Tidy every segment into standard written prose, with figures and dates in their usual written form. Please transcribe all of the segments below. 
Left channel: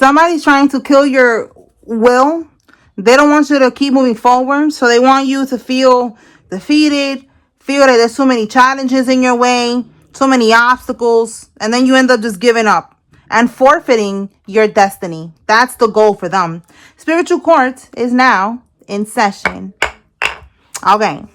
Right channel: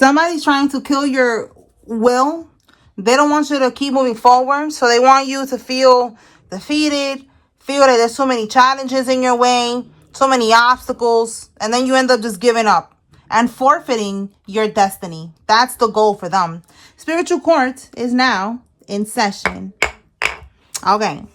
Somebody's trying to kill your will. They don't want you to keep moving forward. So they want you to feel defeated, feel that there's too many challenges in your way, too many obstacles, and then you end up just giving up and forfeiting your destiny. That's the goal for them. Spiritual court is now in session. Okay.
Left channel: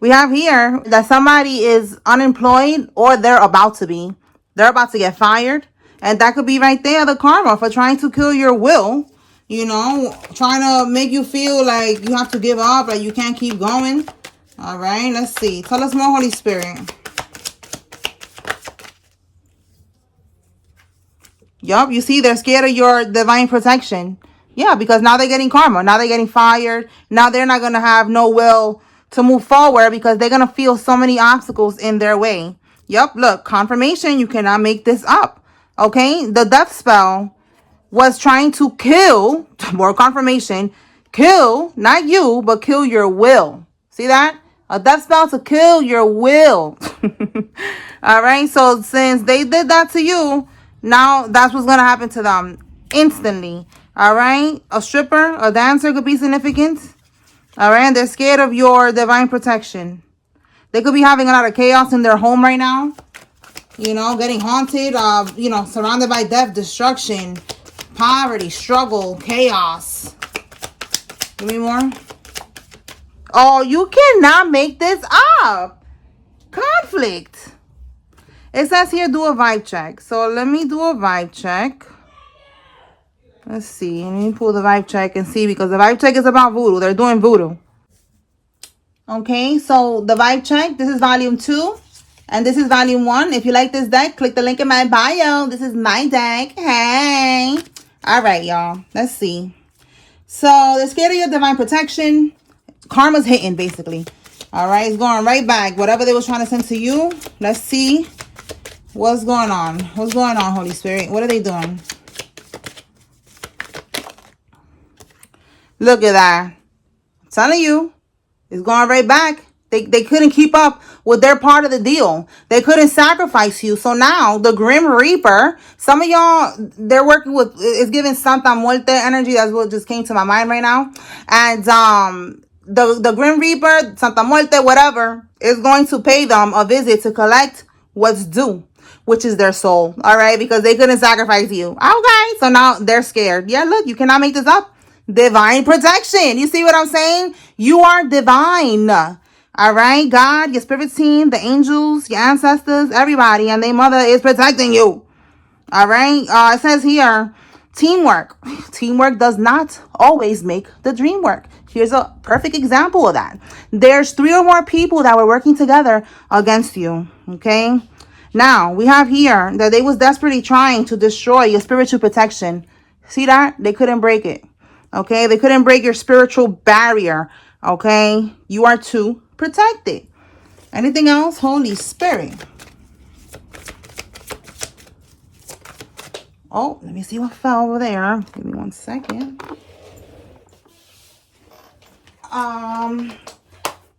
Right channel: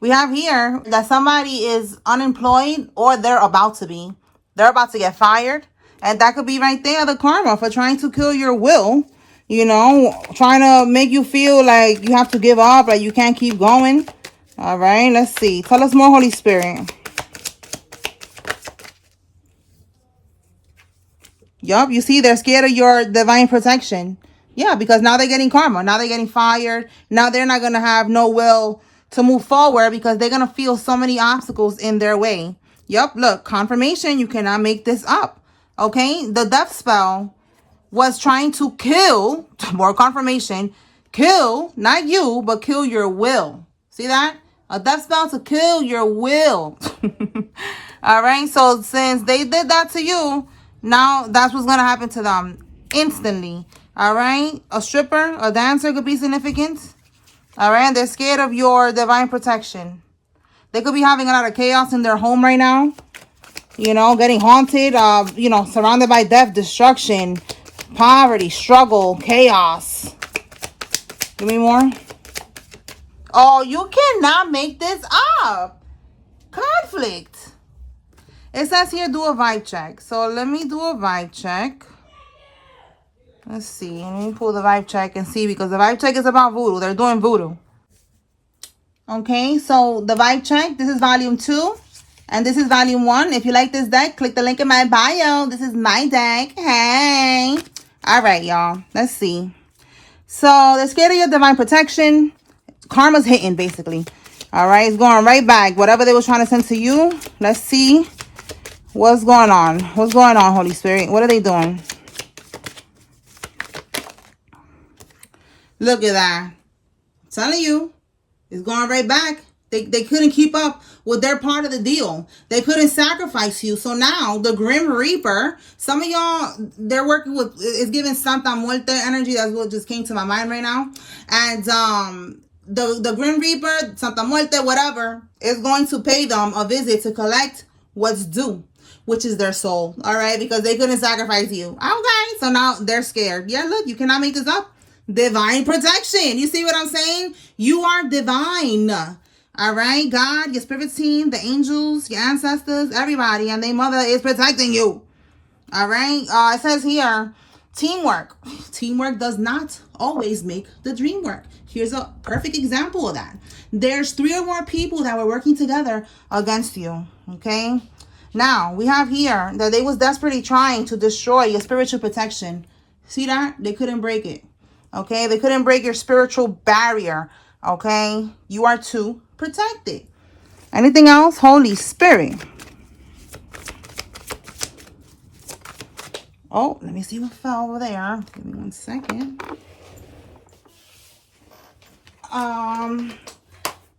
We have here that somebody is unemployed or they're about to be. They're about to get fired. And that could be right there, the karma for trying to kill your will. You know, trying to make you feel like you have to give up, like you can't keep going. All right, let's see. Tell us more, Holy Spirit. Yup, you see, they're scared of your divine protection. Yeah, because now they're getting karma. Now they're getting fired. Now they're not going to have no will to move forward because they're going to feel so many obstacles in their way. Yup, look, confirmation. You cannot make this up. Okay, the death spell was trying to kill, more confirmation, kill, not you, but kill your will. See that? A death spell to kill your will. All right, so since they did that to you, now that's what's going to happen to them instantly. All right, a stripper, a dancer could be significant. All right, and they're scared of your divine protection. They could be having a lot of chaos in their home right now. You know, getting haunted, you know, surrounded by death, destruction, poverty, struggle, chaos. Give me more. Oh, you cannot make this up. Conflict. It says here, do a vibe check. So let me do a vibe check. Let's see. Let me pull the vibe check and see, because the vibe check is about voodoo. They're doing voodoo. Okay, so the vibe check, this is volume 2. And this is volume 1. If you like this deck, click the link in my bio. This is my deck. Hey. All right, y'all. Let's see. So they're scared of your divine protection. Karma's hitting, basically. All right, it's going right back. Whatever they were trying to send to you. Let's see what's going on. What's going on, Holy Spirit? What are they doing? Look at that. I'm telling you, it's going right back. They couldn't keep up with their part of the deal. They couldn't sacrifice you. So now the Grim Reaper, some of y'all, they're working with, it's giving Santa Muerte energy. That's what just came to my mind right now. And the Grim Reaper, Santa Muerte, whatever, is going to pay them a visit to collect what's due, which is their soul. All right, because they couldn't sacrifice you. Okay, so now they're scared. Yeah, look, you cannot make this up. Divine protection. You see what I'm saying? You are divine. All right, God, your spirit team, the angels, your ancestors, everybody, and their mother is protecting you. All right, it says here, teamwork. Teamwork does not always make the dream work. Here's a perfect example of that. There's 3 or more people that were working together against you. Okay, now we have here that they was desperately trying to destroy your spiritual protection. See that? They couldn't break it. Okay, they couldn't break your spiritual barrier. Okay, you are too protected. Anything else? Holy Spirit. Oh, let me see what fell over there. Give me 1 second.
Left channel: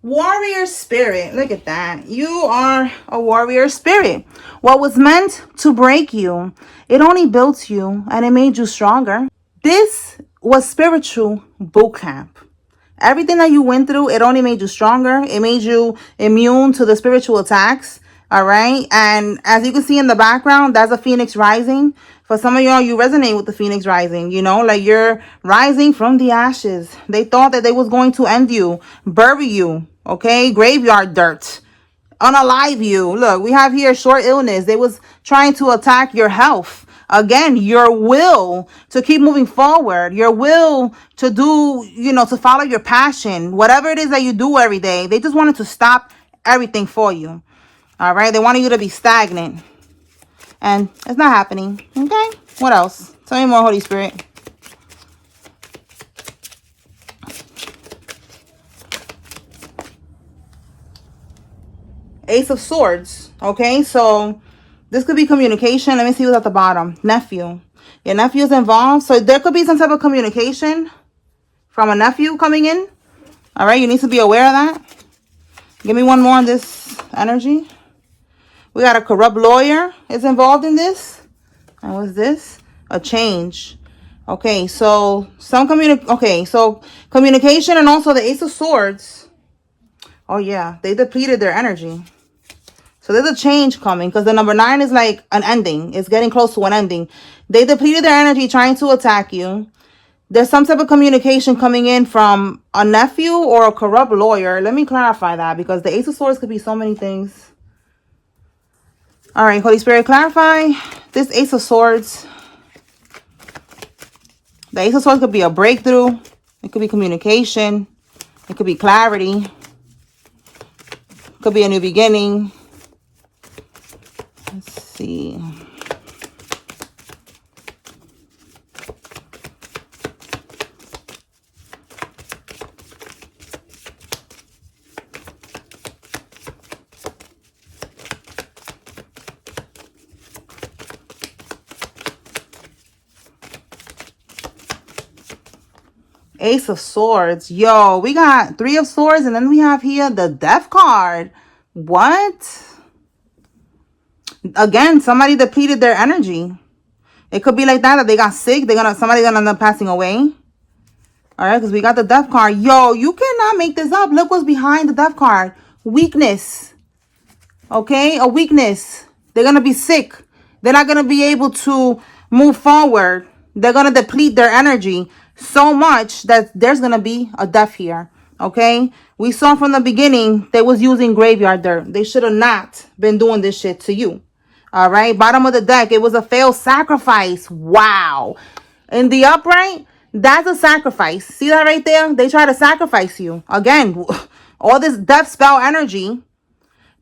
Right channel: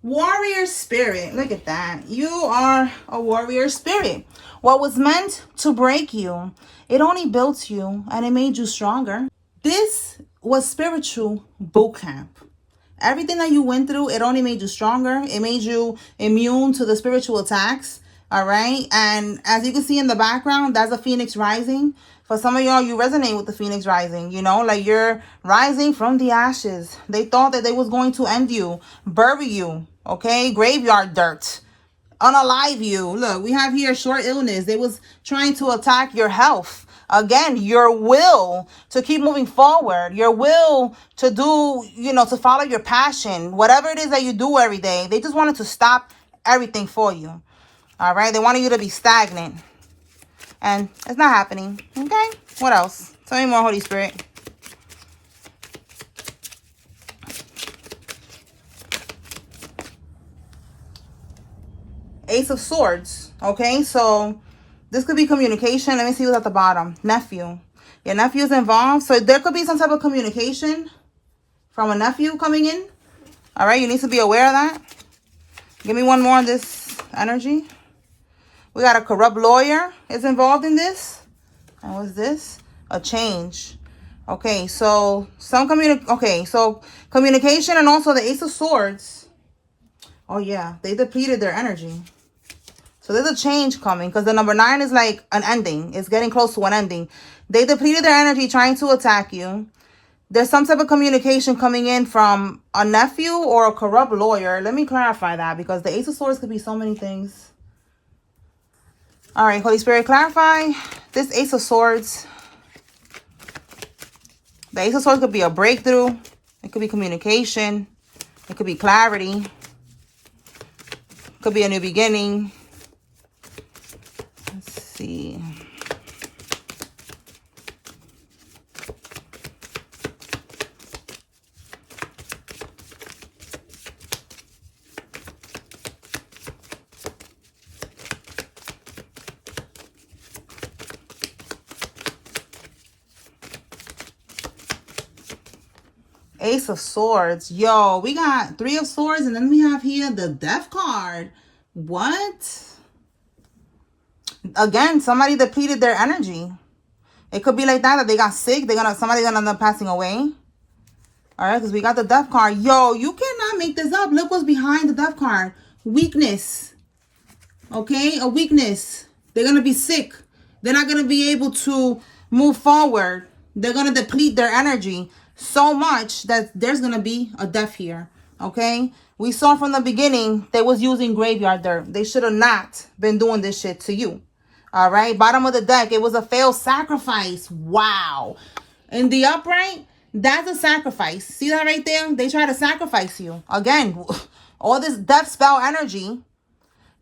Warrior spirit. Look at that. You are a warrior spirit. What was meant to break you, it only built you and it made you stronger. This was spiritual boot camp. Everything that you went through, it only made you stronger. It made you immune to the spiritual attacks. All right. And as you can see in the background, that's a phoenix rising. For some of y'all, you resonate with the phoenix rising. You know, like you're rising from the ashes. They thought that they was going to end you, bury you. Okay. Graveyard dirt. Unalive you. Look, we have here short illness. They was trying to attack your health. Again, your will to keep moving forward, your will to do, you know, to follow your passion, whatever it is that you do every day. They just wanted to stop everything for you. All right. They wanted you to be stagnant. And it's not happening. Okay. What else? Tell me more, Holy Spirit. Ace of Swords. Okay. So this could be communication. Let me see what's at the bottom. Nephew. Your nephew is involved. So there could be some type of communication from a nephew coming in. All right. You need to be aware of that. Give me one more on this energy. We got a corrupt lawyer is involved in this. And what's this? a change. Okay, so so communication, and also the Ace of Swords. Oh yeah, they depleted their energy. So there's a change coming, because the number 9 is like an ending. It's getting close to an ending. They depleted their energy trying to attack you. There's some type of communication coming in from a nephew or a corrupt lawyer. Let me clarify that, because the Ace of Swords could be so many things. All right, Holy Spirit, clarify this Ace of Swords. The Ace of Swords could be a breakthrough. It could be communication. It could be clarity. It could be a new beginning. Let's see. Ace of Swords. Yo, we got 3 of Swords, and then we have here the Death card. What? Again, somebody depleted their energy. It could be like that they got sick. Somebody's gonna end up passing away. All right, because we got the Death card. Yo, you cannot make this up. Look what's behind the Death card. Weakness. Okay, a weakness. They're gonna be sick. They're not gonna be able to move forward. They're gonna deplete their energy so much that there's gonna be a death here. Okay, we saw from the beginning they was using graveyard dirt. They should have not been doing this shit to you. All right, bottom of the deck, it was a failed sacrifice. Wow. In the upright, that's a sacrifice. See that right there? They try to sacrifice you. Again, all this death spell energy,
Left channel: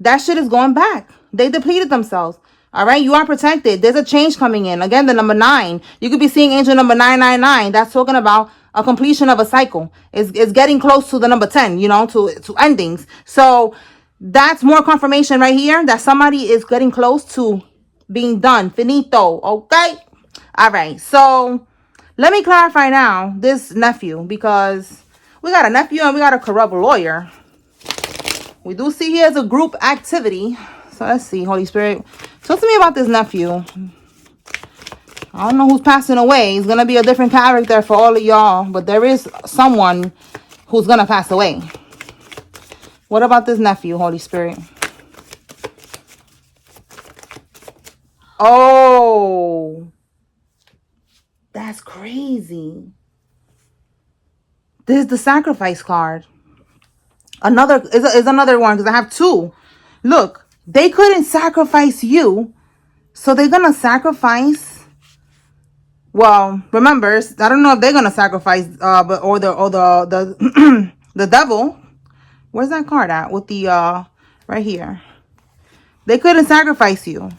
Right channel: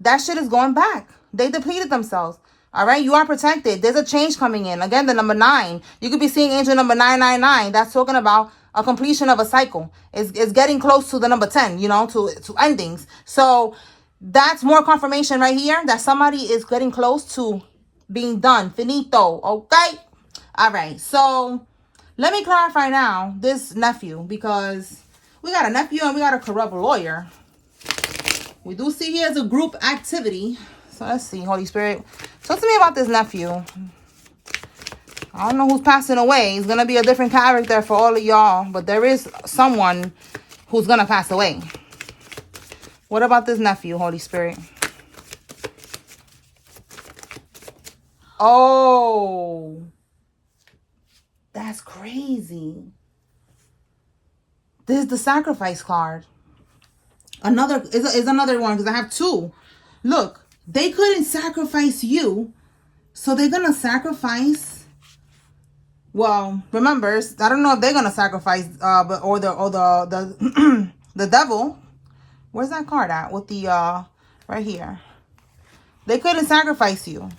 that shit is going back. They depleted themselves. All right, you are protected. There's a change coming in. Again, the number 9. You could be seeing angel number 999. That's talking about a completion of a cycle. It's getting close to the number 10, you know, to endings. So that's more confirmation right here that somebody is getting close to being done. Finito. Okay. All right. So let me clarify now this nephew, because we got a nephew and we got a corrupt lawyer. We do see here as a group activity. So let's see, Holy Spirit. Talk to me about this nephew. I don't know who's passing away. It's going to be a different character for all of y'all. But there is someone who's going to pass away. What about this nephew, Holy Spirit? Oh. That's crazy. This is the sacrifice card. Another is another one, because I have 2. Look, they couldn't sacrifice you. So they're going to sacrifice. Well, remember, I don't know if they're gonna sacrifice, or the the devil. Where's that card at? With the right here. They couldn't sacrifice you.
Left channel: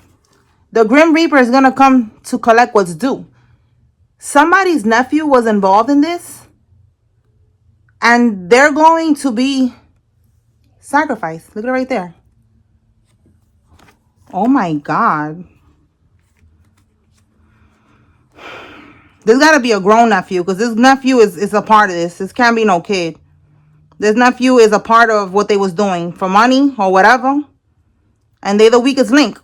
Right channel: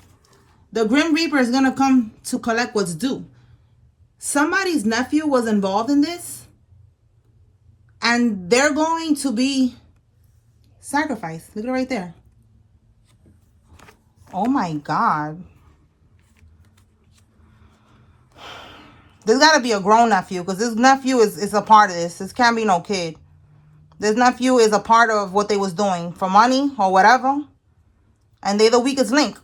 The Grim Reaper is gonna come to collect what's due. Somebody's nephew was involved in this, and they're going to be sacrificed. Look at it right there. Oh my God. There's got to be a grown nephew, because this nephew is a part of this. This can't be no kid. This nephew is a part of what they was doing for money or whatever. And they're the weakest link.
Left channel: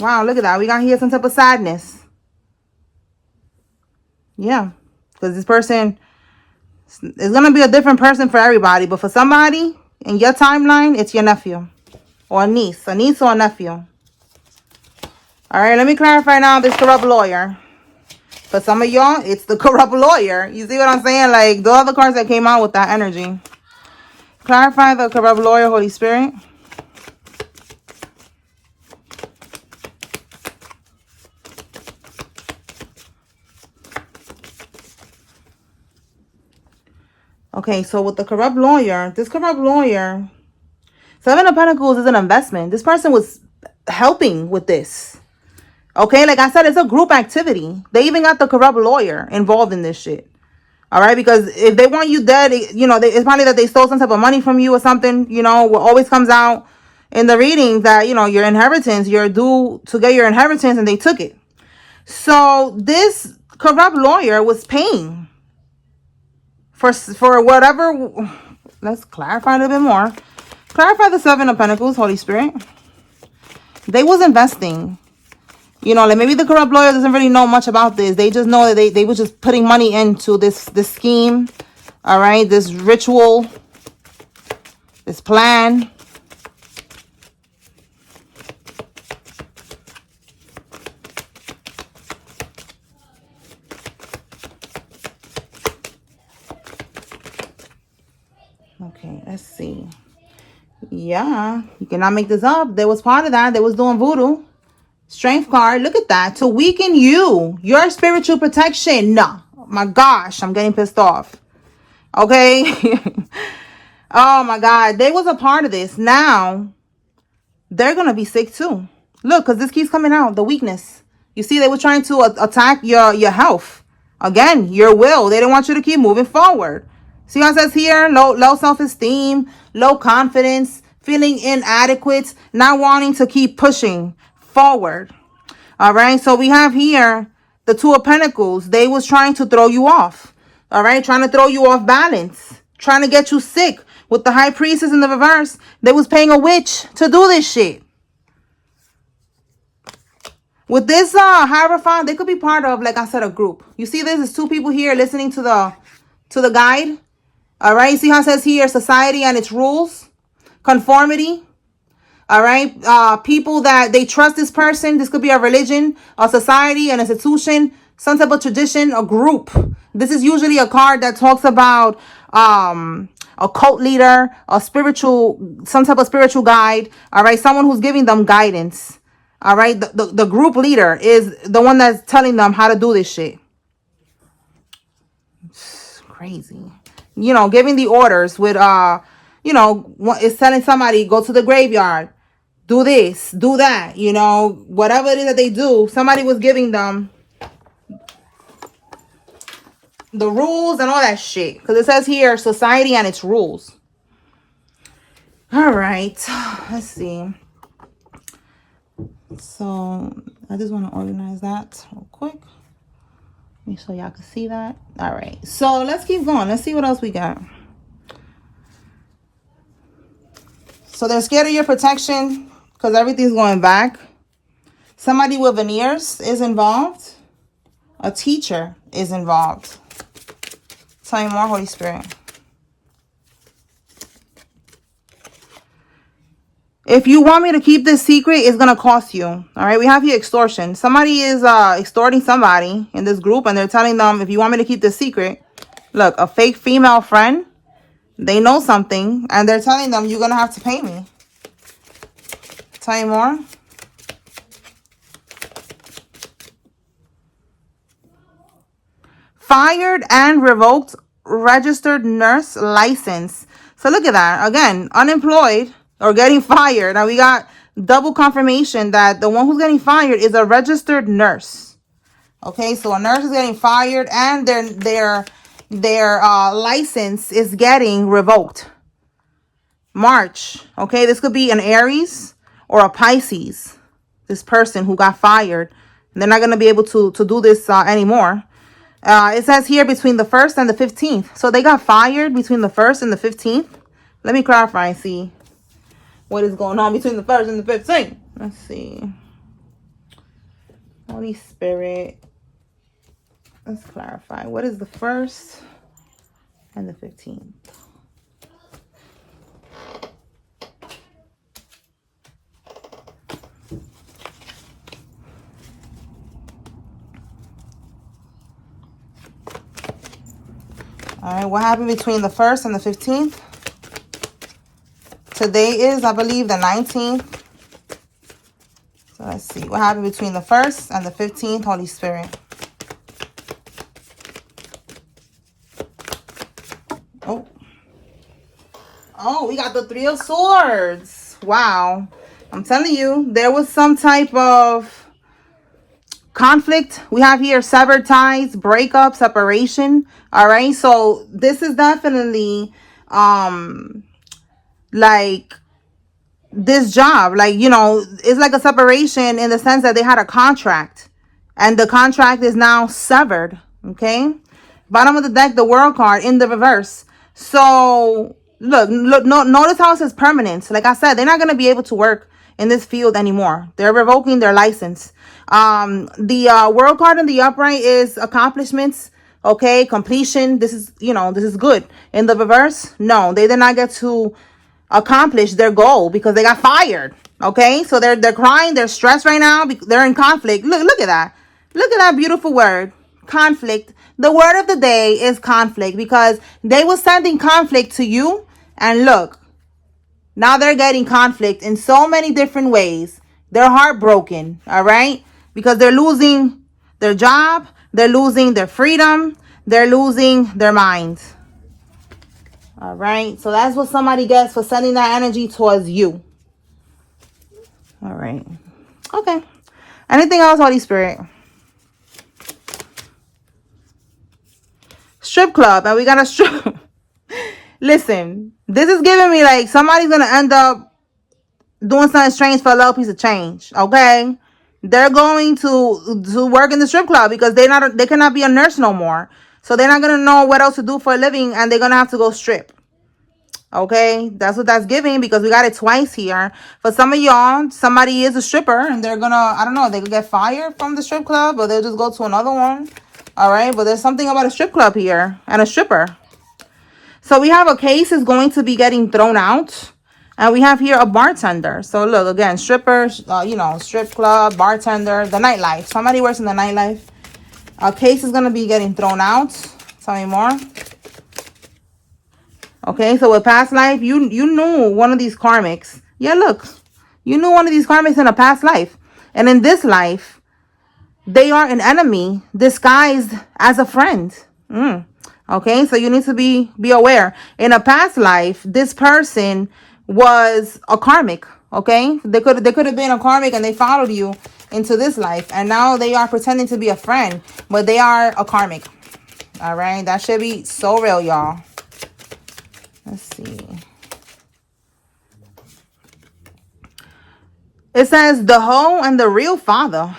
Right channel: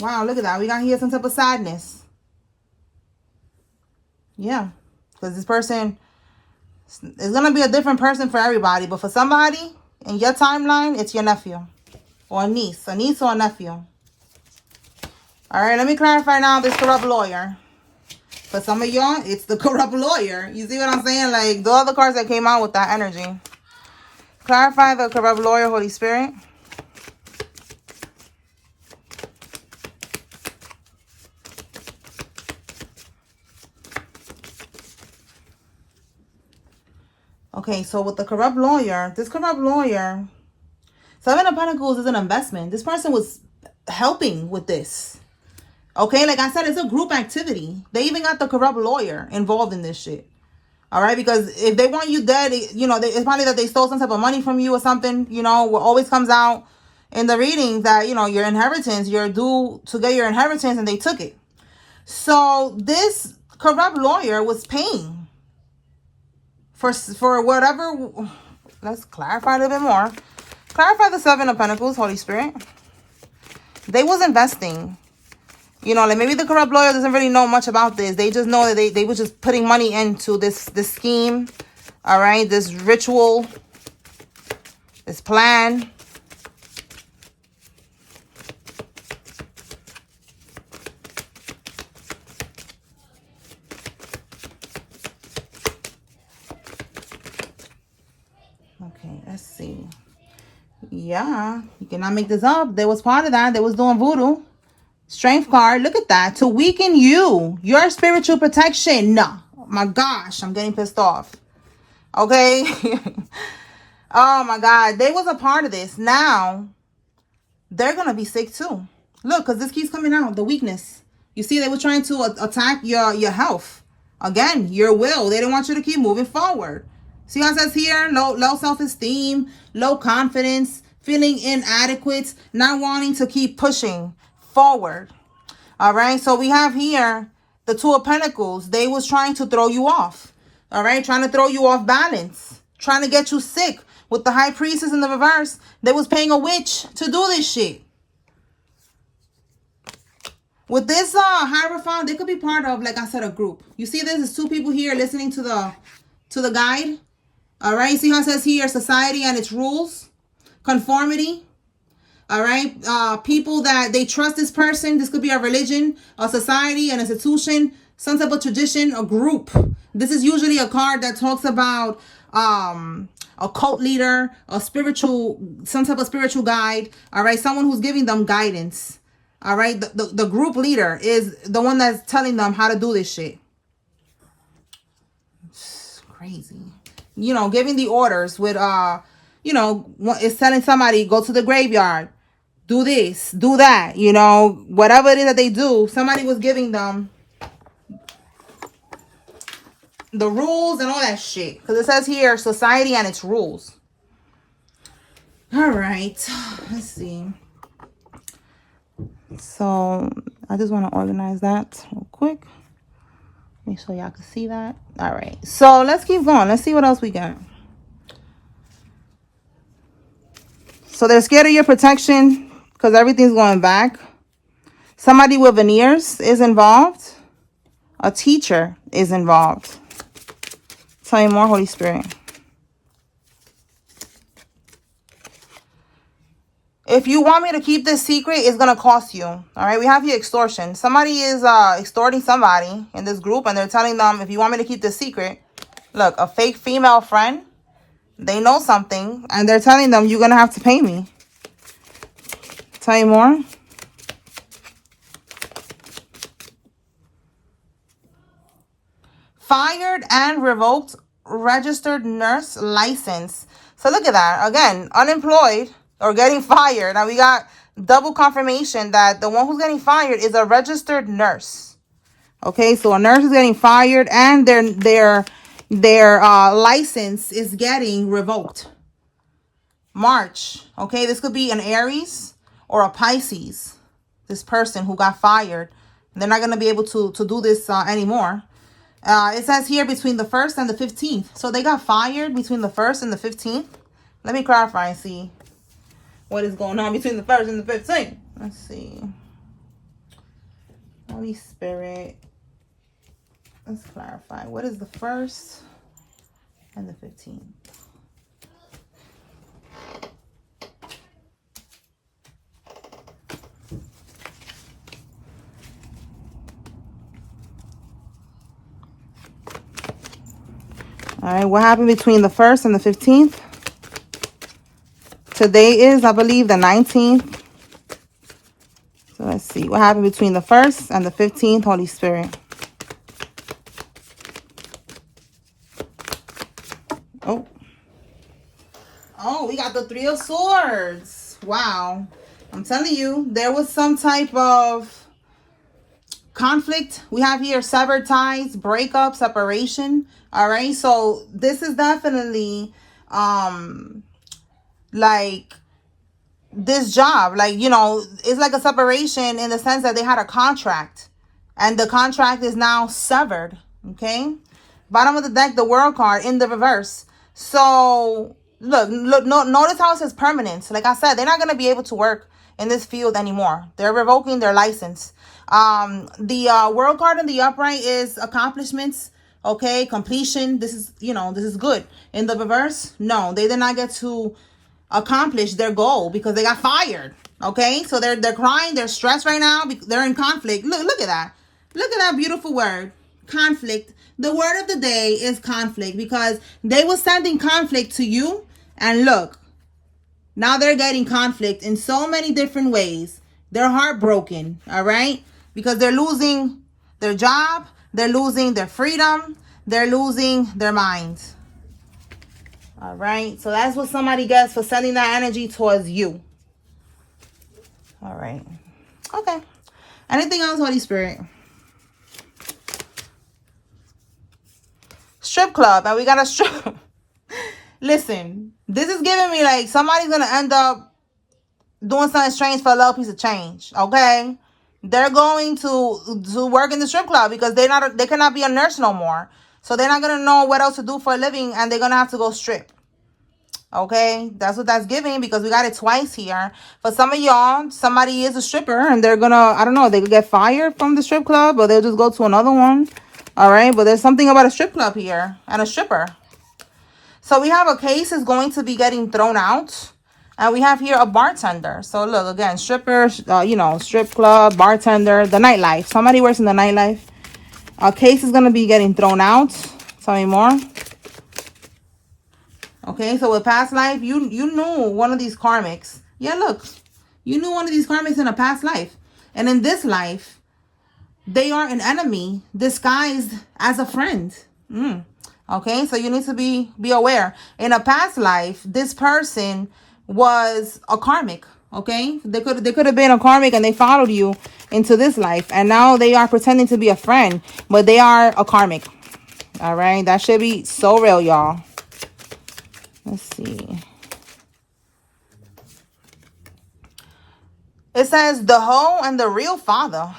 Wow, look at that. We got here some type of sadness. Yeah. Because this person is going to be a different person for everybody. But for somebody in your timeline, it's your nephew. Or a niece or a nephew. All right, let me clarify now this corrupt lawyer. For some of y'all, it's the corrupt lawyer. You see what I'm saying? Like, the other cards that came out with that energy. Clarify the corrupt lawyer, Holy Spirit. Okay, so with the corrupt lawyer, this corrupt lawyer, 7 of Pentacles is an investment. This person was helping with this. Okay, like I said, it's a group activity. They even got the corrupt lawyer involved in this shit. All right, because if they want you dead, you know, it's probably that they stole some type of money from you or something. You know, what always comes out in the reading that, you know, your inheritance, you're due to get your inheritance, and they took it. So this corrupt lawyer was paying for whatever. Let's clarify a little bit more. Clarify the 7 of Pentacles, Holy Spirit. They was investing. You know, like maybe the corrupt lawyer doesn't really know much about this. They just know that they were just putting money into this scheme. All right, this ritual, this plan. Okay, let's see. Yeah, you cannot make this up. They was part of that. They was doing voodoo. Strength card. Look at that. To weaken you. Your spiritual protection. No. Oh my gosh. I'm getting pissed off. Okay. Oh my God. They was a part of this. Now, they're going to be sick too. Look, because this keeps coming out. The weakness. You see, they were trying to attack your health. Again, your will. They didn't want you to keep moving forward. See how it says here? Low self-esteem, low confidence, feeling inadequate, not wanting to keep pushing forward. All right, so we have here the Two of Pentacles. They was trying to throw you off. All right, trying to throw you off balance, trying to get you sick. With the High Priestess in the reverse, they was paying a witch to do this shit. With this Hierophant, they could be part of, like I said, a group. You see, there's two people here listening to the guide. All right, see how it says here, society and its rules, conformity. All right, people that they trust this person. This could be a religion, a society, an institution, some type of tradition, a group. This is usually a card that talks about a cult leader, a spiritual, some type of spiritual guide. All right, someone who's giving them guidance. All right, the group leader is the one that's telling them how to do this shit. It's crazy. You know, giving the orders with, you know, it's telling somebody, go to the graveyard, do this, do that, you know, whatever it is that they do, somebody was giving them the rules and all that shit. Because it says here, society and its rules. All right, let's see. So, I just want to organize that real quick. Make sure y'all can see that. All right, so let's keep going. Let's see what else we got. So they're scared of your protection because everything's going back. Somebody with veneers is involved. A teacher is involved. Tell me more, Holy Spirit. If you want me to keep this secret, it's going to cost you. All right. We have here extortion. Somebody is extorting somebody in this group. And they're telling them, if you want me to keep this secret, look, a fake female friend, they know something. And they're telling them, you're going to have to pay me. Tell you more. Fired and revoked registered nurse license. So look at that. Again, unemployed. Or getting fired. Now we got double confirmation that the one who's getting fired is a registered nurse. Okay, so a nurse is getting fired and their license is getting revoked. March. Okay, this could be an Aries or a Pisces. This person who got fired. They're not going to be able to do this anymore. It says here between the 1st and the 15th. So they got fired between the 1st and the 15th. Let me clarify and see what is going on between the 1st and the 15th. Let's see. Holy Spirit. Let's clarify. What is the 1st and the 15th? All right, what happened between the 1st and the 15th? Today is, I believe, the 19th. So let's see. What happened between the 1st and the 15th, Holy Spirit? Oh. Oh, we got the 3 of Swords. Wow. I'm telling you, there was some type of conflict. We have here severed ties, breakup, separation. All right. So this is definitely like this job, like, you know, it's like a separation in the sense that they had a contract and the contract is now severed. Okay. Bottom of the deck, the World card in the reverse. So look, notice how it says permanent. Like I said, they're not going to be able to work in this field anymore. They're revoking their license. The world card in the upright is accomplishments. Okay, completion. This is, you know, this is good. In the reverse, no, they did not get to accomplish their goal because they got fired. Okay, so they're crying, they're stressed right now, they're in conflict. Look at that. Look at that beautiful word, conflict. The word of the day is conflict, because they were sending conflict to you, and look, now they're getting conflict in so many different ways. They're heartbroken, all right, because they're losing their job, they're losing their freedom, they're losing their mind. All right, so that's what somebody gets for sending that energy towards you. All right. Okay. Anything else, Holy Spirit? Strip club. And we got a strip. Listen, this is giving me like somebody's going to end up doing something strange for a little piece of change. Okay. They're going to work in the strip club because they cannot be a nurse no more. So they're not going to know what else to do for a living, and they're going to have to go strip. Okay, that's what that's giving, because we got it twice here. For some of y'all, somebody is a stripper and they're gonna, I don't know, they could get fired from the strip club, or they'll just go to another one. All right, but there's something about a strip club here and a stripper. So we have a case is going to be getting thrown out, and we have here a bartender. So look, again, stripper, you know, strip club, bartender, the nightlife. Somebody works in the nightlife. A case is going to be getting thrown out. Tell me more. Okay, so with past life, you knew one of these karmics. Yeah, look, you knew one of these karmics in a past life. And in this life, they are an enemy disguised as a friend. Okay, so you need to be aware. In a past life, this person was a karmic. Okay, they could have been a karmic and they followed you into this life. And now they are pretending to be a friend, but they are a karmic. All right, that should be so real, y'all. Let's see. It says the whole and the real father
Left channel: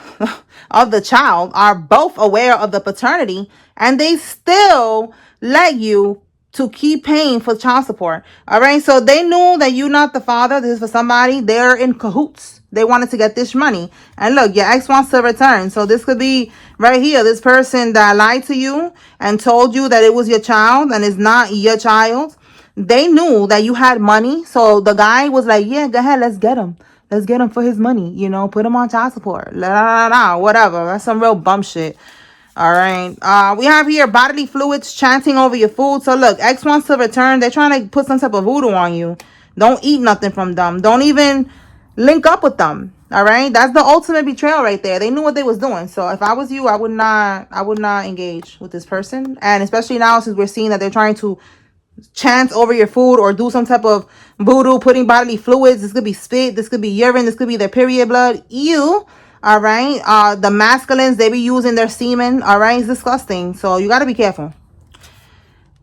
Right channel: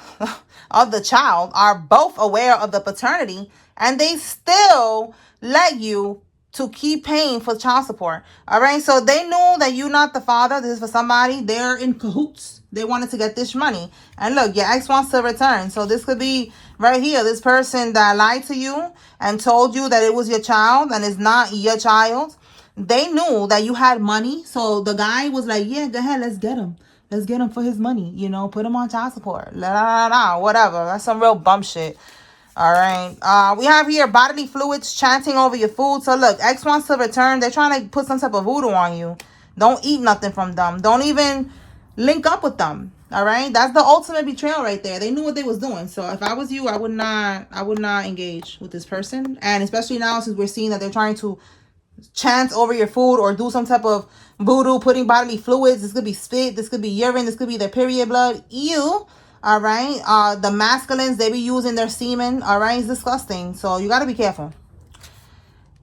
of the child are both aware of the paternity, and they still let you to keep paying for child support. All right. So they knew that you're not the father. This is for somebody. They're in cahoots. They wanted to get this money. And look, your ex wants to return. So this could be right here. This person that lied to you and told you that it was your child and it's not your child. They knew that you had money. So the guy was like, yeah, go ahead. Let's get him. Let's get him for his money. You know, put him on child support. Whatever. That's some real bum shit. All right. We have here bodily fluids chanting over your food. So look, X wants to return. They're trying to put some type of voodoo on you. Don't eat nothing from them. Don't even link up with them. All right. That's the ultimate betrayal right there. They knew what they was doing. So if I was you, I would not engage with this person. And especially now, since we're seeing that they're trying to chant over your food or do some type of voodoo, putting bodily fluids. This could be spit. This could be urine. This could be their period blood. Ew. All right. The masculines, they be using their semen. All right. It's disgusting. So you got to be careful.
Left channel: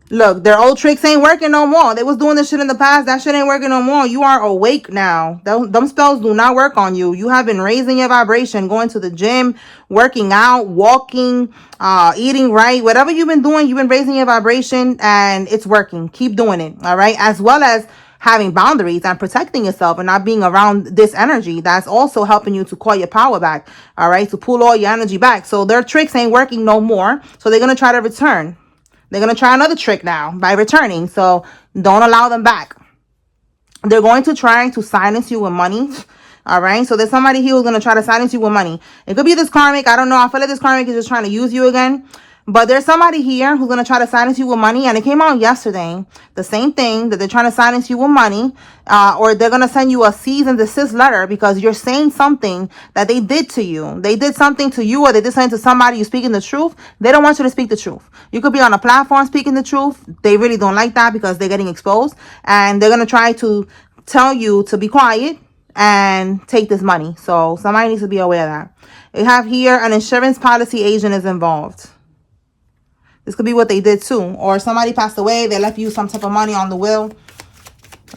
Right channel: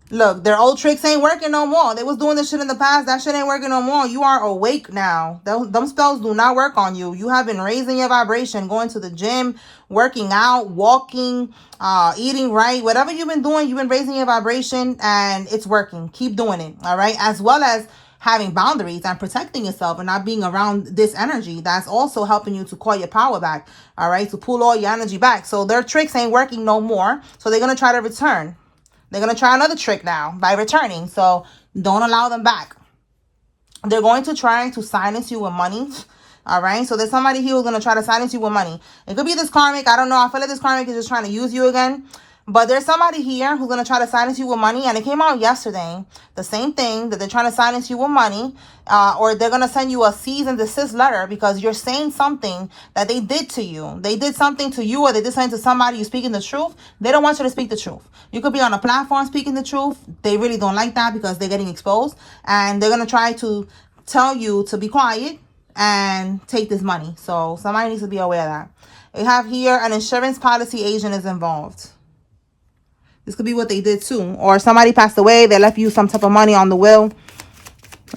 Look, their old tricks ain't working no more. They was doing this shit in the past. That shit ain't working no more. You are awake now. Them spells do not work on you. You have been raising your vibration, going to the gym, working out, walking, eating right. Whatever you've been doing, you've been raising your vibration and it's working. Keep doing it. All right. As well as having boundaries and protecting yourself and not being around this energy. That's also helping you to call your power back. All right. To pull all your energy back. So their tricks ain't working no more. So they're going to try to return. They're going to try another trick now by returning. So don't allow them back. They're going to try to silence you with money. All right. So there's somebody here who's going to try to silence you with money. It could be this karmic. I don't know. I feel like this karmic is just trying to use you again. But there's somebody here who's going to try to silence you with money. And it came out yesterday. The same thing, that they're trying to silence you with money. Or they're going to send you a cease and desist letter because you're saying something that they did to you. They did something to you, or they did something to somebody. You're speaking the truth. They don't want you to speak the truth. You could be on a platform speaking the truth. They really don't like that because they're getting exposed. And they're going to try to tell you to be quiet and take this money. So somebody needs to be aware of that. We have here an insurance policy agent is involved. This could be what they did too. Or somebody passed away. They left you some type of money on the will.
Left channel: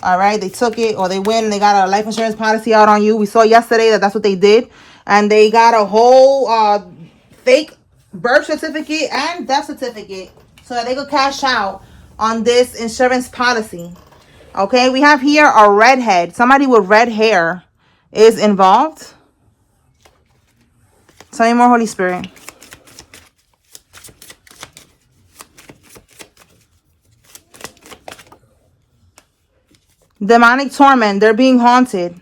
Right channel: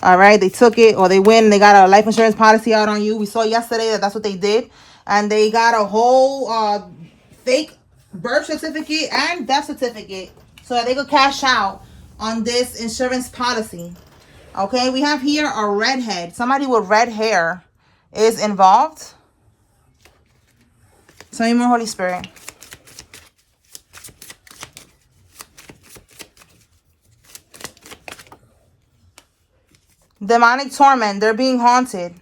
All right. They took it, or they win. They got a life insurance policy out on you. We saw yesterday that that's what they did. And they got a whole fake birth certificate and death certificate so that they could cash out on this insurance policy. Okay. We have here a redhead. Somebody with red hair. is involved. Tell me more, Holy Spirit. Demonic torment. They're being haunted.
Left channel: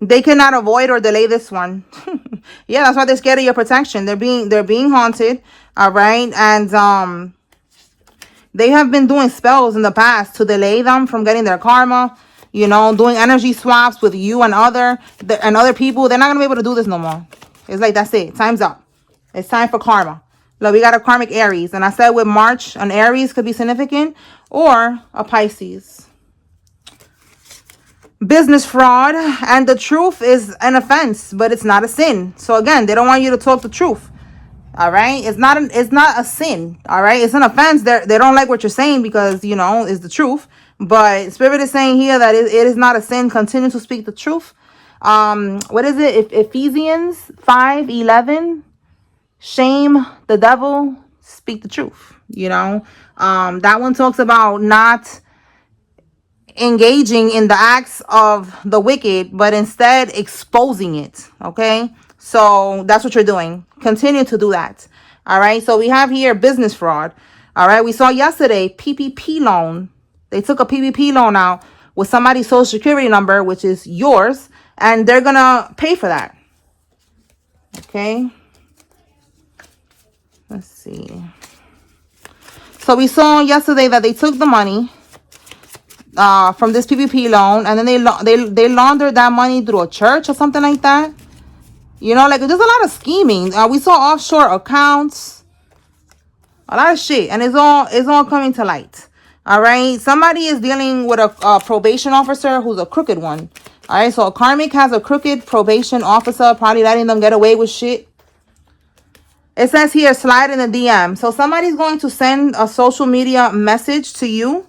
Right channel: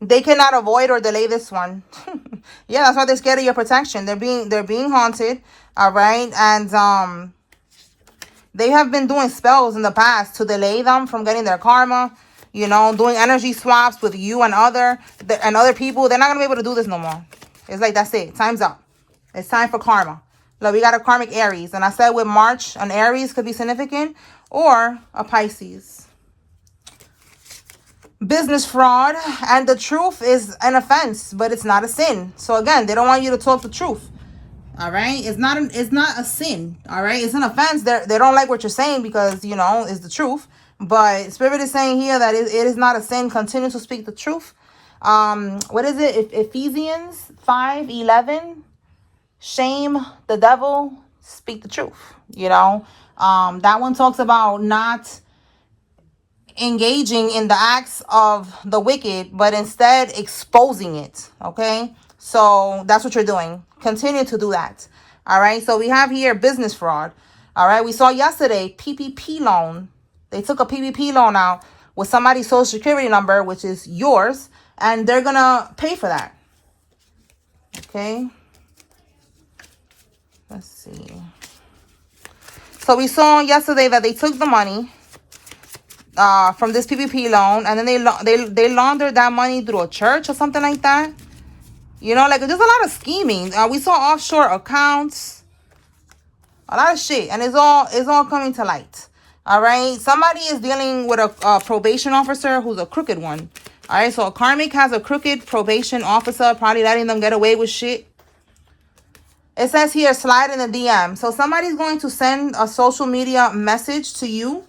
They cannot avoid or delay this one. Yeah, that's why they're scared of your protection. They're being haunted. All right. And they have been doing spells in the past to delay them from getting their karma. You know, doing energy swaps with you and other people. They're not gonna be able to do this no more. It's like, that's it. Time's up. It's time for karma. Look, we got a karmic Aries. And I said with March, an Aries could be significant, or a Pisces. Business fraud. And the truth is an offense, but it's not a sin. So again, they don't want you to talk the truth. All right. It's not a sin. All right. It's an offense. They don't like what you're saying because, you know, it's the truth. But Spirit is saying here that it is not a sin. Continue to speak the truth. What is it? Ephesians 5:11. Shame the devil, speak the truth. You know, that one talks about not engaging in the acts of the wicked, but instead exposing it. Okay. So that's what you're doing. Continue to do that. All right. So we have here business fraud. All right. We saw yesterday PPP loan. They took a PPP loan out with somebody's social security number, which is yours, and they're going to pay for that. Okay. Let's see. So we saw yesterday that they took the money from this PPP loan, and then they laundered that money through a church or something like that. You know, like there's a lot of scheming. We saw offshore accounts, a lot of shit, and it's all coming to light. All right, somebody is dealing with a probation officer who's a crooked one. All right, so Karmic has a crooked probation officer, probably letting them get away with shit. It says here, slide in the DM. So somebody's going to send a social media message to you.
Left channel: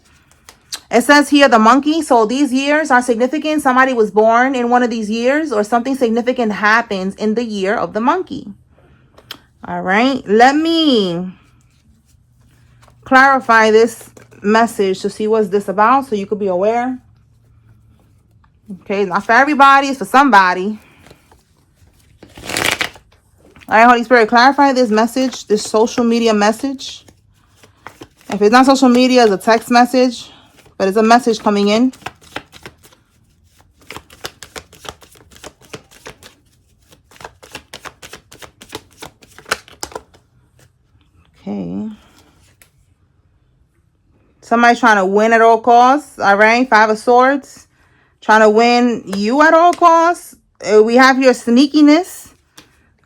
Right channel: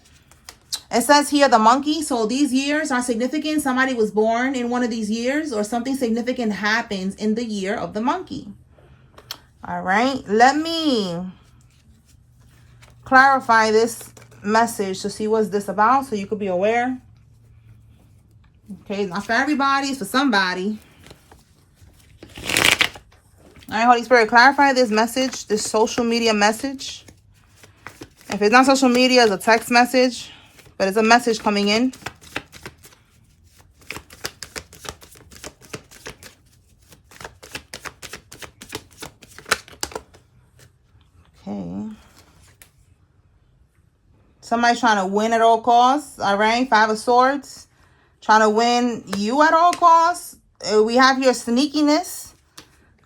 It says here the monkey. So these years are significant. Somebody was born in one of these years, or something significant happens in the year of the monkey. All right. Let me clarify this message to see what's this about, so you could be aware. Okay, not for everybody, it's for somebody. All right, Holy Spirit, clarify this message, this social media message. If it's not social media, it's a text message, but it's a message coming in. Okay. Somebody trying to win at all costs. All right, 5 of Swords. Trying to win you at all costs. We have your sneakiness.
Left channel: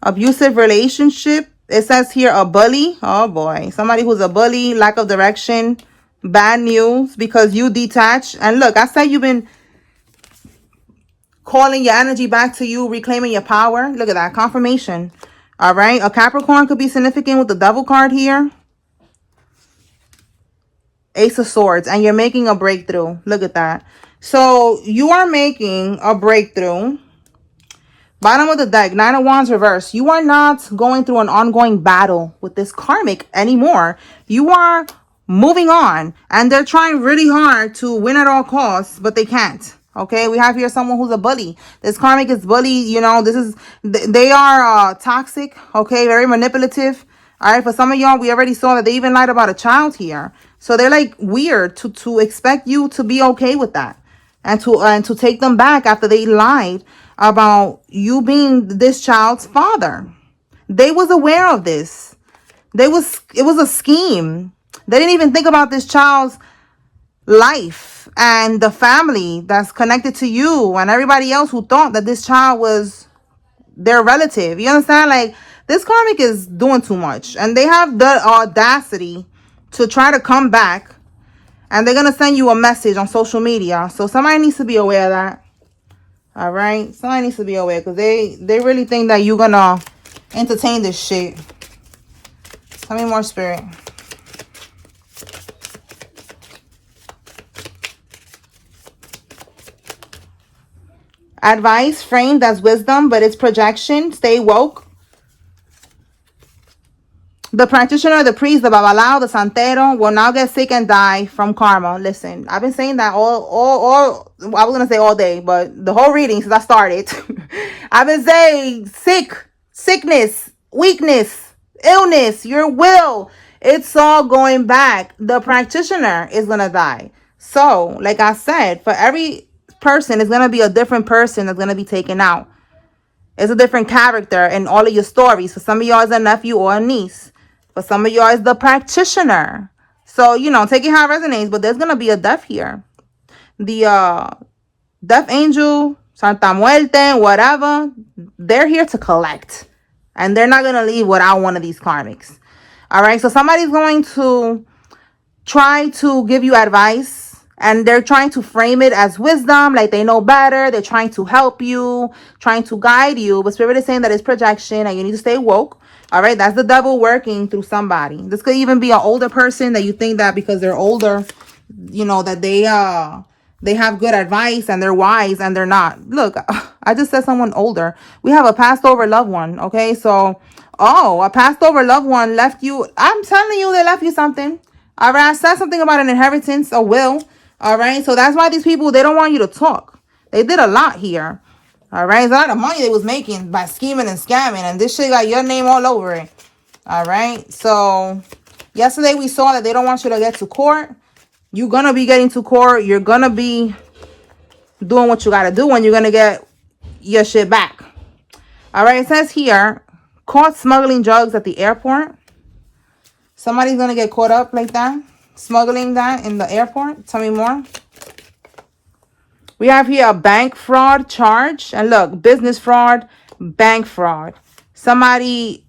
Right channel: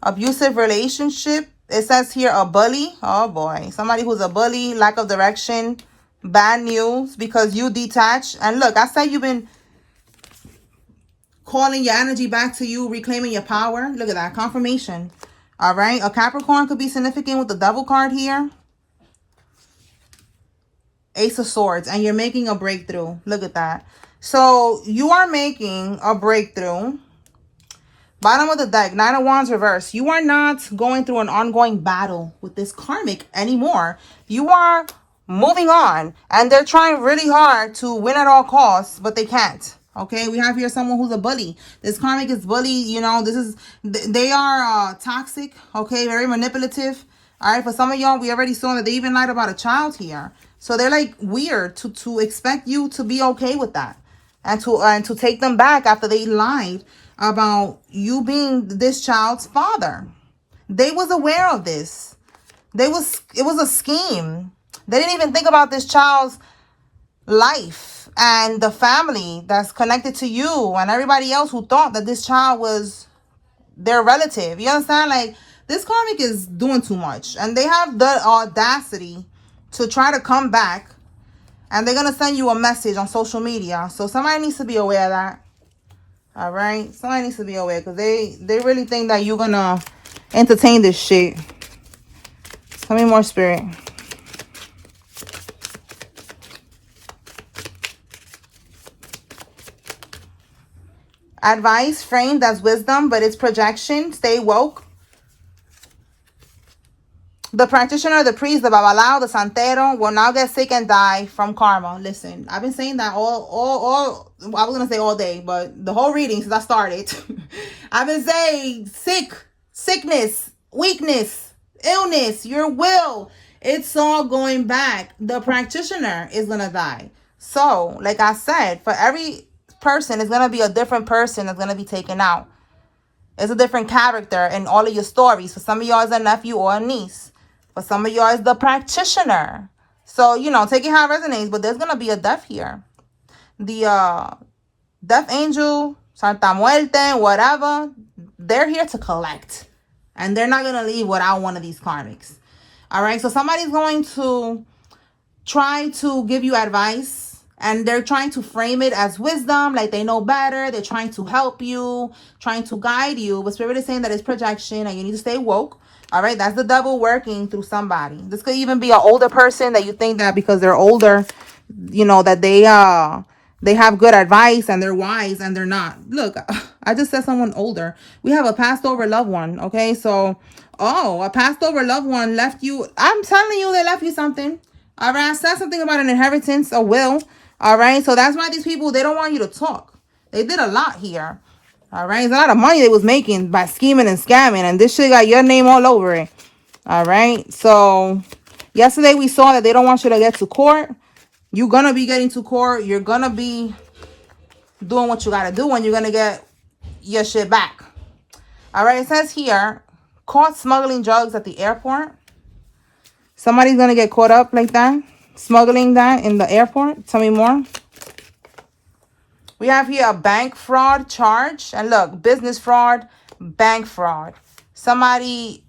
Abusive relationship. It says here a bully. Oh boy. Somebody who's a bully. Lack of direction. Bad news because you detach. And look, I said you've been calling your energy back to you. Reclaiming your power. Look at that. Confirmation. All right. A Capricorn could be significant with the Devil card here. Ace of Swords. And you're making a breakthrough. Look at that. So you are making a breakthrough. Bottom of the deck, 9 of Wands reverse. You are not going through an ongoing battle with this karmic anymore. You are moving on. And they're trying really hard to win at all costs, but they can't. Okay, we have here someone who's a bully. This karmic is bully. You know, they are toxic. Okay, very manipulative. All right, for some of y'all, we already saw that they even lied about a child here. So they're like weird to expect you to be okay with that. And to take them back after they lied about you being this child's father. They was aware of this. It was a scheme. They didn't even think about this child's life and the family that's connected to you and everybody else who thought that this child was their relative. You understand? Like, this karmic is doing too much. And they have the audacity to try to come back. And they're going to send you a message on social media. So somebody needs to be aware of that. All right. Somebody needs to be aware. Because they really think that you're going to entertain this shit. Tell me more, Spirit. Advice framed as wisdom, but it's projection. Stay woke. The practitioner, the priest, the babalao, the santero will now get sick and die from karma. Listen, I've been saying that all I was going to say all day, but the whole reading since I started. I've been saying sickness, weakness, illness, your will. It's all going back. The practitioner is going to die. So, like I said, for every person, it's going to be a different person that's going to be taken out. It's a different character in all of your stories. For some of y'all, it's a nephew or a niece. For some of y'all, it's the practitioner. So, you know, take it how it resonates. But there's going to be a death here. The death angel, Santa Muerte, whatever, they're here to collect. And they're not going to leave without one of these karmics. All right? So somebody's going to try to give you advice. And they're trying to frame it as wisdom, like they know better. They're trying to help you, trying to guide you. But Spirit is saying that it's projection and you need to stay woke. All right, that's the devil working through somebody. This could even be an older person that you think that because they're older, you know, that they have good advice and they're wise and they're not. Look, I just said someone older. We have a passed over loved one. Okay, so, a passed over loved one left you. I'm telling you, they left you something. All right, I said something about an inheritance, a will. All right, so that's why these people, they don't want you to talk. They did a lot here. All right, it's a lot of money they was making by scheming and scamming, and this shit got your name all over it. All right, so yesterday we saw that they don't want you to get to court. You're gonna be getting to court. You're gonna be doing what you gotta do, and you're gonna get your shit back. All right, it says here, caught smuggling drugs at the airport. Somebody's gonna get caught up like that. Smuggling that in the airport. Tell me more. We have here a bank fraud charge. And look, business fraud, bank fraud. Somebody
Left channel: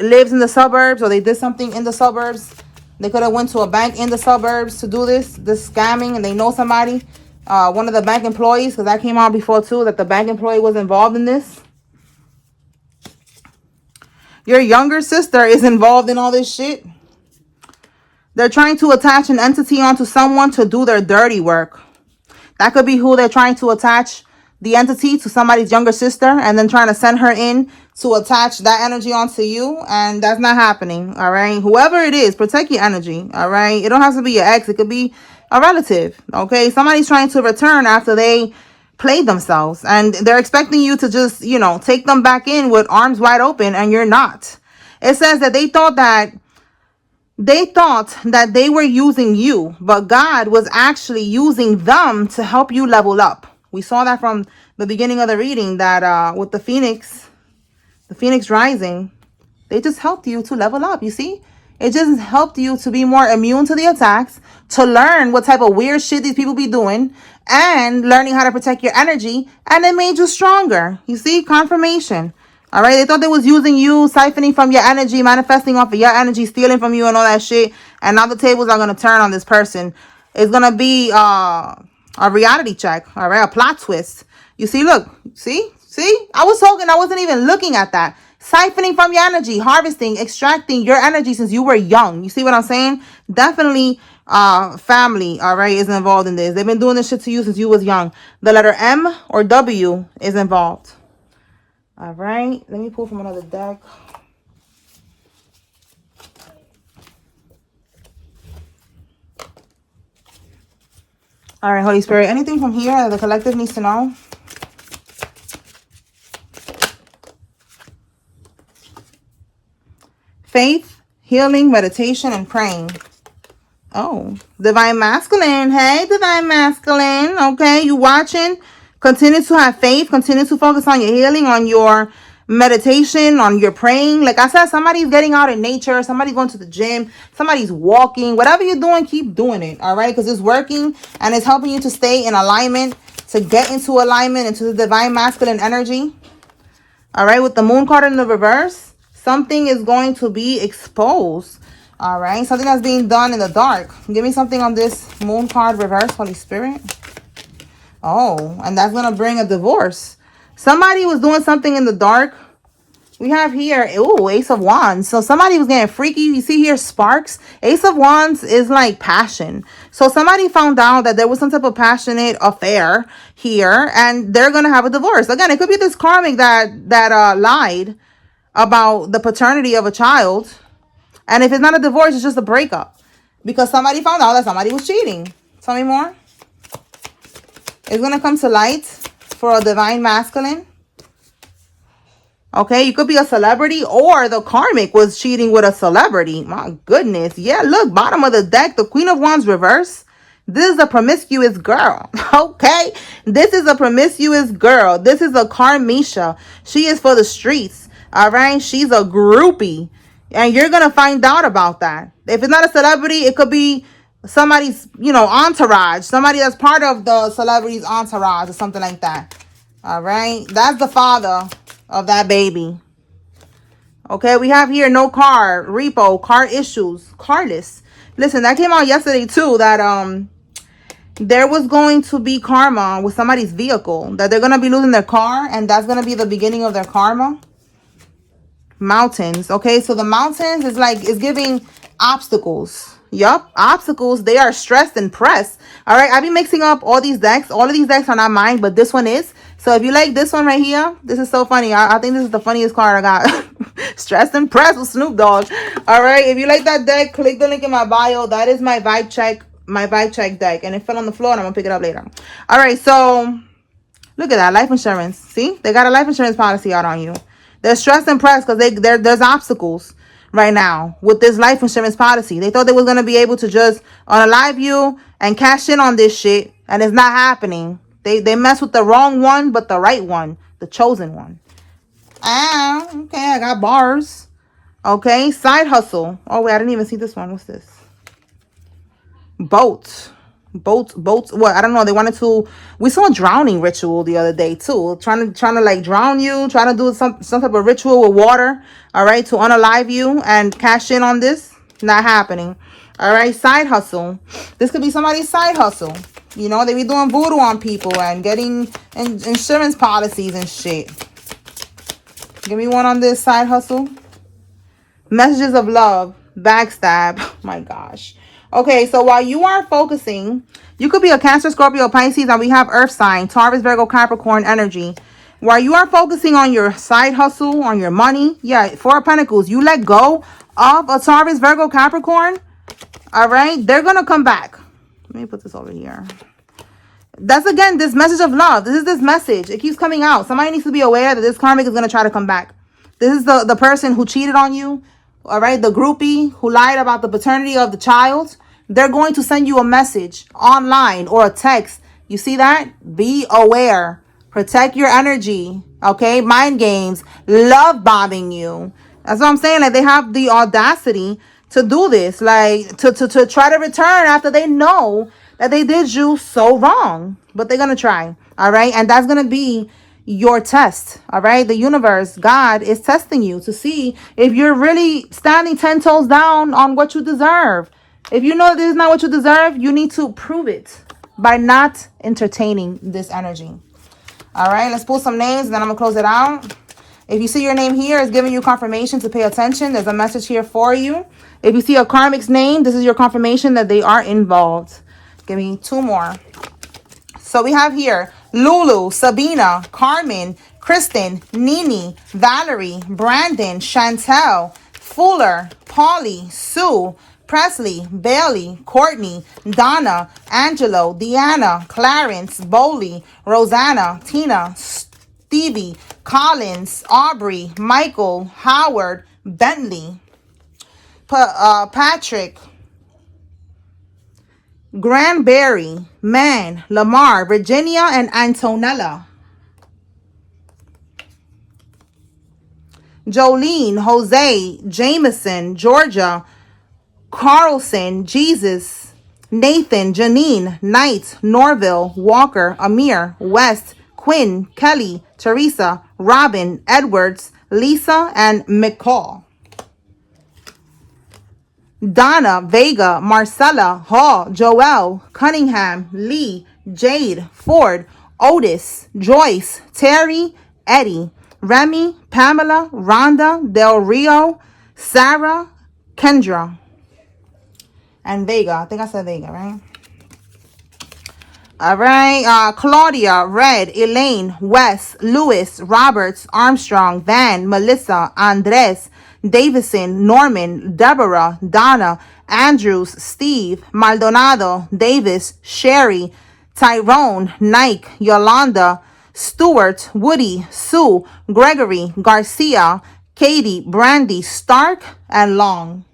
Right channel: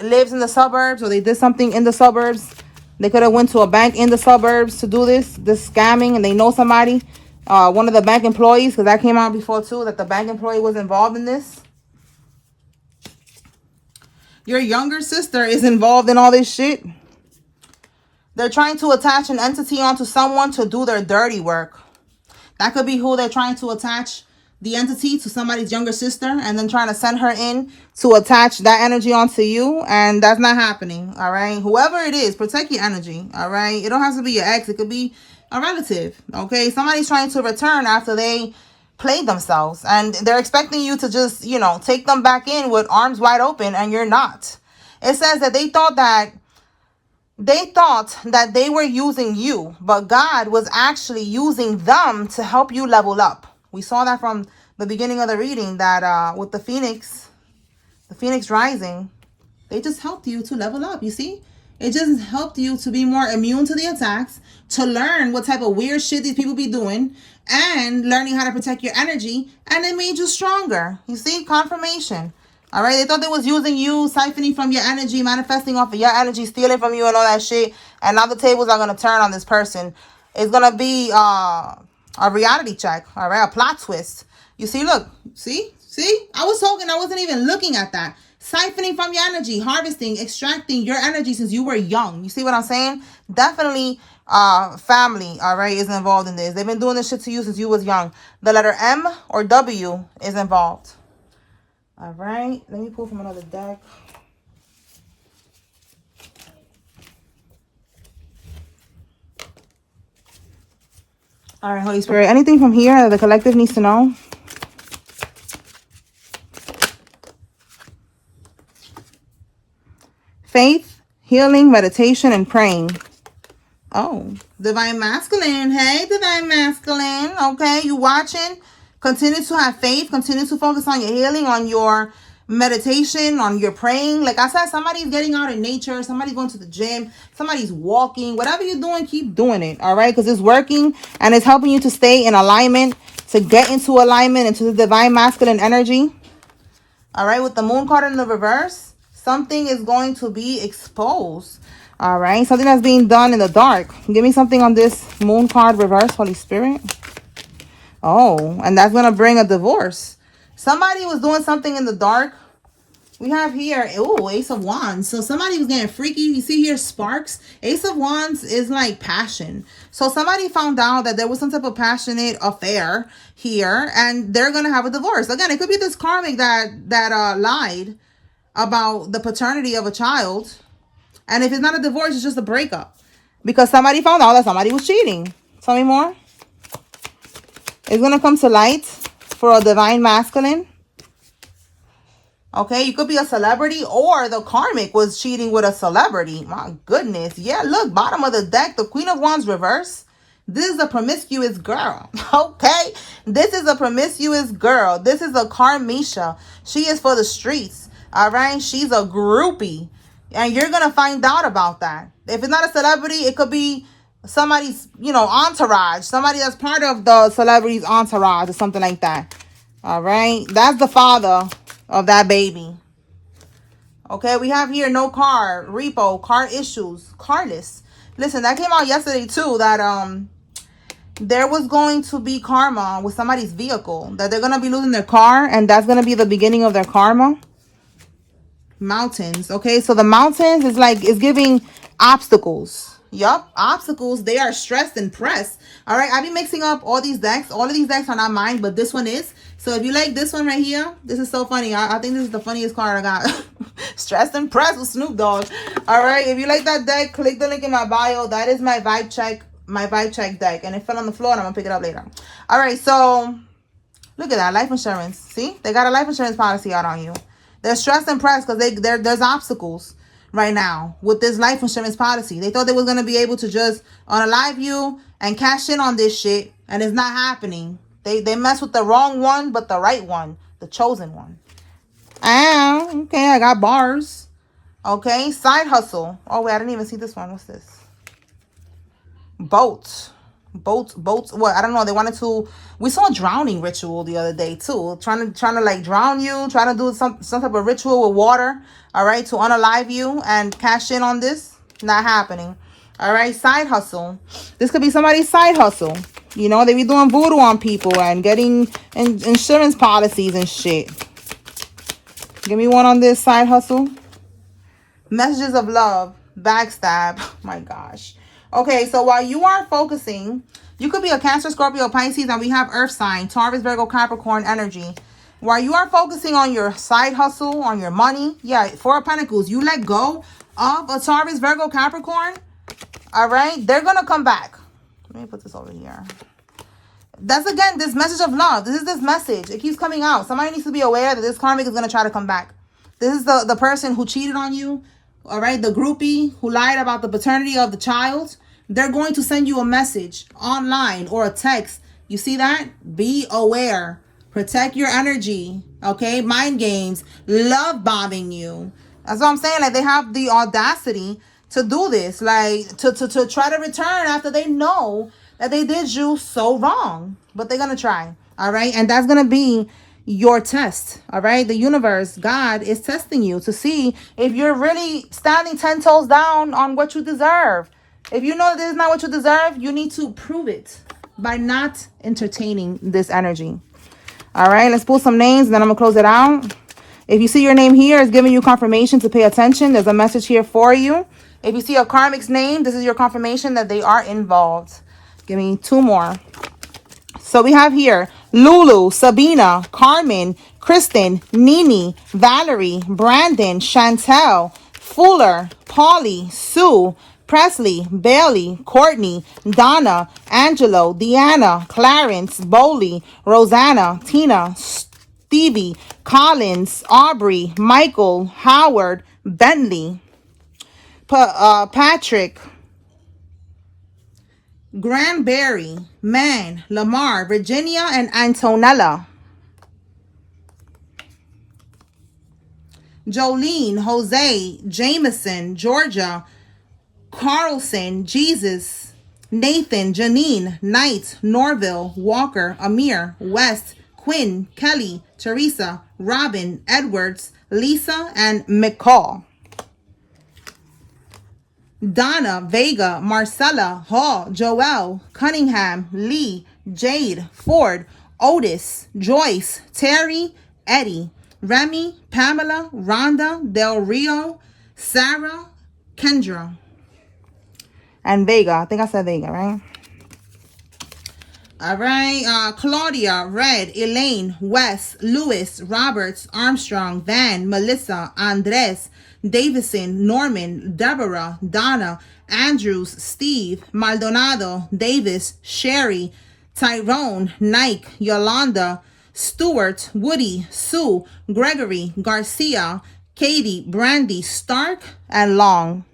lives in the suburbs or they did something in the suburbs. They could have went to a bank in the suburbs to do this scamming, and they know somebody. One of the bank employees, because that came out before too, that the bank employee was involved in this. Your younger sister is involved in all this shit. They're trying to attach an entity onto someone to do their dirty work. That could be who they're trying to attach the entity to, somebody's younger sister, and then trying to send her in to attach that energy onto you. And that's not happening. All right. Whoever it is, protect your energy. All right. It don't have to be your ex. It could be a relative. Okay. Somebody's trying to return after they played themselves, and they're expecting you to just, you know, take them back in with arms wide open, and you're not. It says that they thought that they were using you, but God was actually using them to help you level up. We saw that from the beginning of the reading, that with the phoenix rising, they just helped you to level up. You see, it just helped you to be more immune to the attacks, to learn what type of weird shit these people be doing, and learning how to protect your energy, and it made you stronger. You see, confirmation. All right, they thought they was using you, siphoning from your energy, manifesting off of your energy, stealing from you and all that shit. And now the tables are going to turn on this person. It's going to be a reality check, all right, a plot twist. You see, look, see? I was talking, I wasn't even looking at that. Siphoning from your energy, harvesting, extracting your energy since you were young. You see what I'm saying? Definitely family, all right, is involved in this. They've been doing this shit to you since you was young. The letter M or W is involved. All right, let me pull from another deck. All right, Holy Spirit, anything from here that the collective needs to know? Faith, healing, meditation, and praying. Oh, Divine Masculine. Hey, Divine Masculine. Okay, you watching? Continue to have faith. Continue to focus on your healing, on your meditation, on your praying. Like I said, somebody's getting out in nature. Somebody's going to the gym. Somebody's walking. Whatever you're doing, keep doing it. All right? Because it's working and it's helping you to stay in alignment, to get into alignment, into the Divine Masculine energy. All right? With the Moon card in the reverse, something is going to be exposed. All right? Something that's being done in the dark. Give me something on this Moon card reverse, Holy Spirit. Oh, and that's going to bring a divorce. Somebody was doing something in the dark. We have here, ooh, Ace of Wands. So somebody was getting freaky. You see here, sparks. Ace of Wands is like passion. So somebody found out that there was some type of passionate affair here, and they're going to have a divorce. Again, it could be this karmic that lied about the paternity of a child. And if it's not a divorce, it's just a breakup. Because somebody found out that somebody was cheating. Tell me more. It's going to come to light for a divine masculine. Okay, you could be a celebrity, or the karmic was cheating with a celebrity. My goodness. Yeah, look, bottom of the deck, the Queen of Wands reverse. This is a promiscuous girl. Okay, this is a promiscuous girl. This is a karmisha. She is for the streets. All right, she's a groupie. And you're going to find out about that. If it's not a celebrity, it could be somebody's, entourage. Somebody that's part of the celebrity's entourage or something like that. All right, that's the father of that baby. Okay, we have here no car, repo, car issues, carless. Listen, that came out yesterday too, that there was going to be karma with somebody's vehicle, that they're going to be losing their car, and that's going to be the beginning of their karma. Mountains. Okay, so the mountains is like, it's giving obstacles. Yup, obstacles. They are stressed and pressed. All right, I've been mixing up all these decks. All of these decks are not mine, but this one is. So if you like this one right here, this is so funny. I think this is the funniest card I got. Stressed and pressed with Snoop Dogg. All right, if you like that deck, click the link in my bio. That is my vibe check deck, and it fell on the floor, and I'm gonna pick it up later. All right, so look at that, life insurance. See, they got a life insurance policy out on you. They're stressed and pressed because there's obstacles right now with this life insurance policy. They thought they was going to be able to just unalive you and cash in on this shit, and it's not happening. They mess with the wrong one, but the right one, the chosen one. Ah, okay, I got bars. Okay, side hustle. Oh, wait, I didn't even see this one. What's this? Boats. What? I don't know. They wanted to. We saw a drowning ritual the other day too. Trying to like drown you. Trying to do some type of ritual with water. All right, to unalive you and cash in on this. Not happening. All right, side hustle. This could be somebody's side hustle. You know, they be doing voodoo on people and getting insurance policies and shit. Give me one on this side hustle. Messages of love. Backstab. My gosh. Okay, so while you are focusing, you could be a Cancer, Scorpio, Pisces, and we have Earth sign, Taurus, Virgo, Capricorn energy. While you are focusing on your side hustle, on your money, yeah, Four of Pentacles, you let go of a Taurus, Virgo, Capricorn, all right? They're going to come back. Let me put this over here. That's, again, this message of love. This is this message. It keeps coming out. Somebody needs to be aware that this karmic is going to try to come back. This is the person who cheated on you, all right? The groupie who lied about the paternity of the child. They're going to send you a message online or a text. You see that? Be aware. Protect your energy. Okay? Mind games. Love bombing you. That's what I'm saying. Like, they have the audacity to do this. Like, to try to return after they know that they did you so wrong. But they're going to try. All right? And that's going to be your test. All right? The universe, God, is testing you to see if you're really standing 10 toes down on what you deserve. If you know this is not what you deserve, you need to prove it by not entertaining this energy. All right, let's pull some names, and then I'm going to close it out. If you see your name here, it's giving you confirmation to pay attention. There's a message here for you. If you see a karmic's name, this is your confirmation that they are involved. Give me two more. So we have here Lulu, Sabina, Carmen, Kristen, Nini, Valerie, Brandon, Chantel, Fuller, Polly, Sue, Presley, Bailey, Courtney, Donna, Angelo, Deanna, Clarence, Bowley, Rosanna, Tina, Stevie, Collins, Aubrey, Michael, Howard, Bentley, Patrick, Granberry, Man, Lamar, Virginia, and Antonella. Jolene, Jose, Jameson, Georgia, Carlson, Jesus, Nathan, Janine, Knight, Norville, Walker, Amir, West, Quinn, Kelly, Teresa, Robin, Edwards, Lisa, and McCall. Donna, Vega, Marcella, Hall, Joelle, Cunningham, Lee, Jade, Ford, Otis, Joyce, Terry, Eddie, Remy, Pamela, Rhonda, Del Rio, Sarah, Kendra, and Vega. I think I said Vega, right? All right. Claudia, Red, Elaine, Wes, Lewis, Roberts, Armstrong, Van, Melissa, Andres, Davison, Norman, Deborah, Donna, Andrews, Steve, Maldonado, Davis, Sherry, Tyrone, Nike, Yolanda, Stewart, Woody, Sue, Gregory, Garcia, Katie, Brandy, Stark, and Long.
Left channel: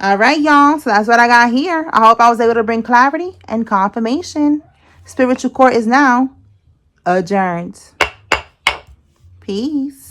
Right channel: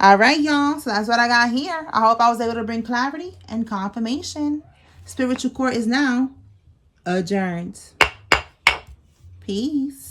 All right, y'all. So that's what I got here. I hope I was able to bring clarity and confirmation. Spiritual court is now adjourned. Peace.